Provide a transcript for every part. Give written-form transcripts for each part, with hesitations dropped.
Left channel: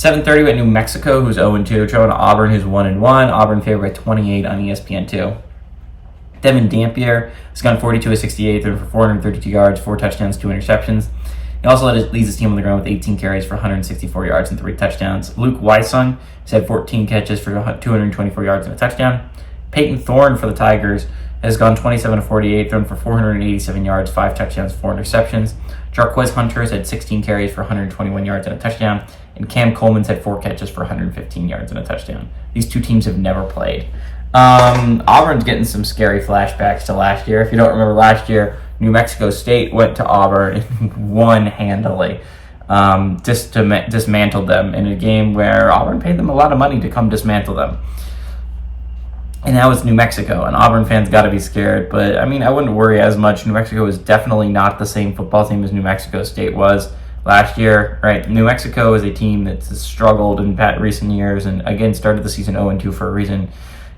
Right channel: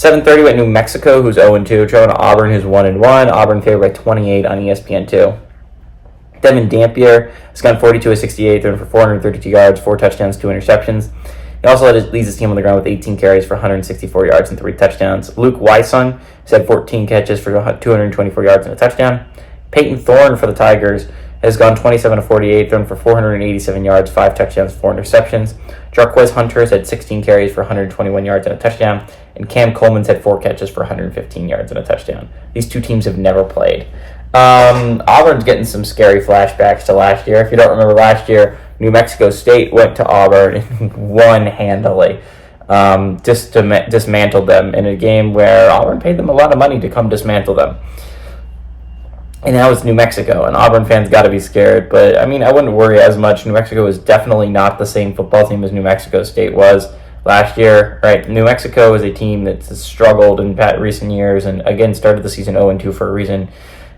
7:30 at New Mexico, who's 0-2, traveling to Auburn, who's 1-1. Auburn favored by 28 on ESPN2. Devin Dampier has gone 42 of 68, throwing for 432 yards, 4 touchdowns, 2 interceptions. He also leads his team on the ground with 18 carries for 164 yards and 3 touchdowns. Luke Weissung has had 14 catches for 224 yards and a touchdown. Peyton Thorne for the Tigers has gone 27 of 48, thrown for 487 yards, 5 touchdowns, 4 interceptions. Jarquez Hunter has had 16 carries for 121 yards and a touchdown. And Cam Coleman's had 4 catches for 115 yards and a touchdown. These two teams have never played. Auburn's getting some scary flashbacks to last year. If you don't remember last year, New Mexico State went to Auburn and won handily. Dismantled them in a game where Auburn paid them a lot of money to come dismantle them. And that was New Mexico, and Auburn fans got to be scared. But, I mean, I wouldn't worry as much. New Mexico is definitely not the same football team as New Mexico State was last year. Right? New Mexico is a team that's struggled in recent years and, again, started the season 0-2 for a reason.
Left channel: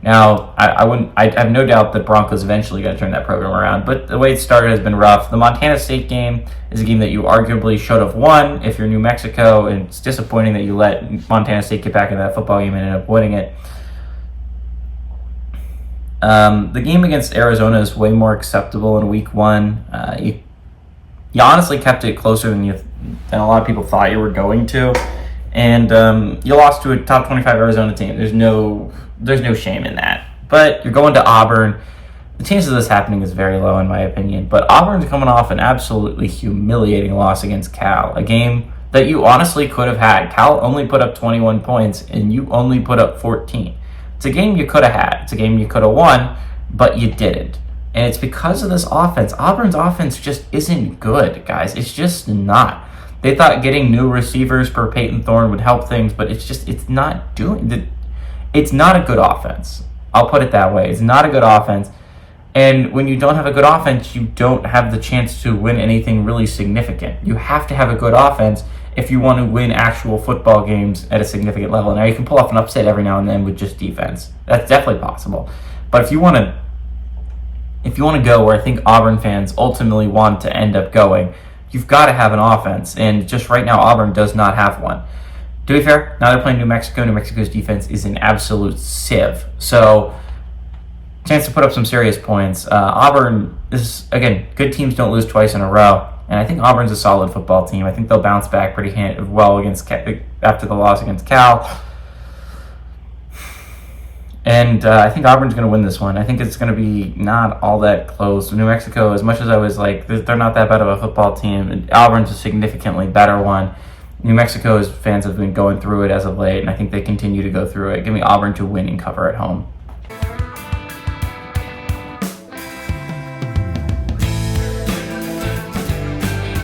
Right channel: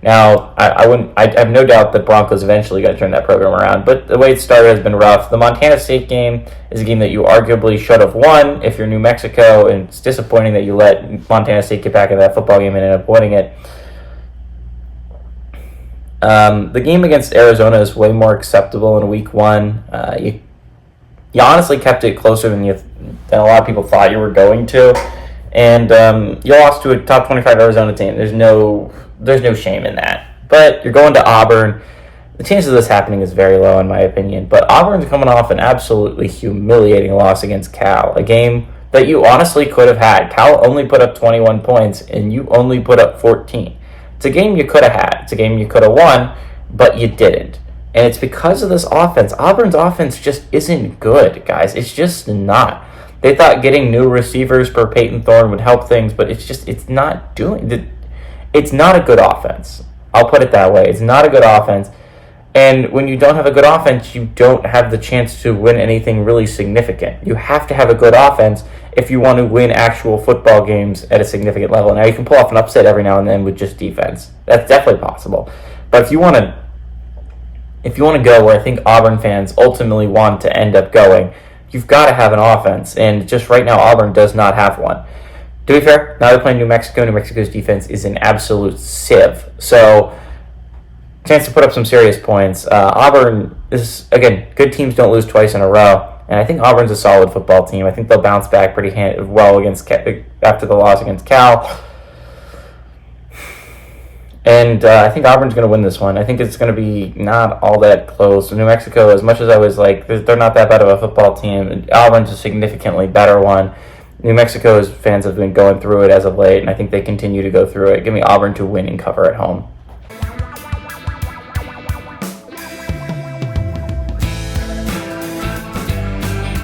Now, I have no doubt that Broncos eventually going to turn that program around, but the way it started has been rough. The Montana State game is a game that you arguably should have won if you're New Mexico, and it's disappointing that you let Montana State get back into that football game and end up winning it. The game against Arizona is way more acceptable in week 1. You honestly kept it closer than a lot of people thought you were going to, and you lost to a top 25 Arizona team. There's no shame in that. But you're going to Auburn. The chances of this happening is very low, in my opinion. But Auburn's coming off an absolutely humiliating loss against Cal, a game that you honestly could have had. Cal only put up 21 points, and you only put up 14. It's a game you could have had. It's a game you could have won, but you didn't. And it's because of this offense. Auburn's offense just isn't good, guys. It's just not. They thought getting new receivers per Peyton Thorne would help things, but it's not doing. It's not a good offense. I'll put it that way. It's not a good offense. And when you don't have a good offense, you don't have the chance to win anything really significant. You have to have a good offense if you want to win actual football games at a significant level. Now, you can pull off an upset every now and then with just defense. That's definitely possible. But if you want to go where I think Auburn fans ultimately want to end up going, you've got to have an offense. And just right now, Auburn does not have one. To be fair, now they're playing New Mexico. New Mexico's defense is an absolute sieve. So, chance to put up some serious points. Auburn is, again, good teams don't lose twice in a row. And I think Auburn's a solid football team. I think they'll bounce back pretty well after the loss against Cal. And I think Auburn's going to win this one. I think it's going to be not all that close. New Mexico, as much as I was like, they're not that bad of a football team, Auburn's a significantly better one. New Mexico's fans have been going through it as of late, and I think they continue to go through it. Give me Auburn to win and cover at home.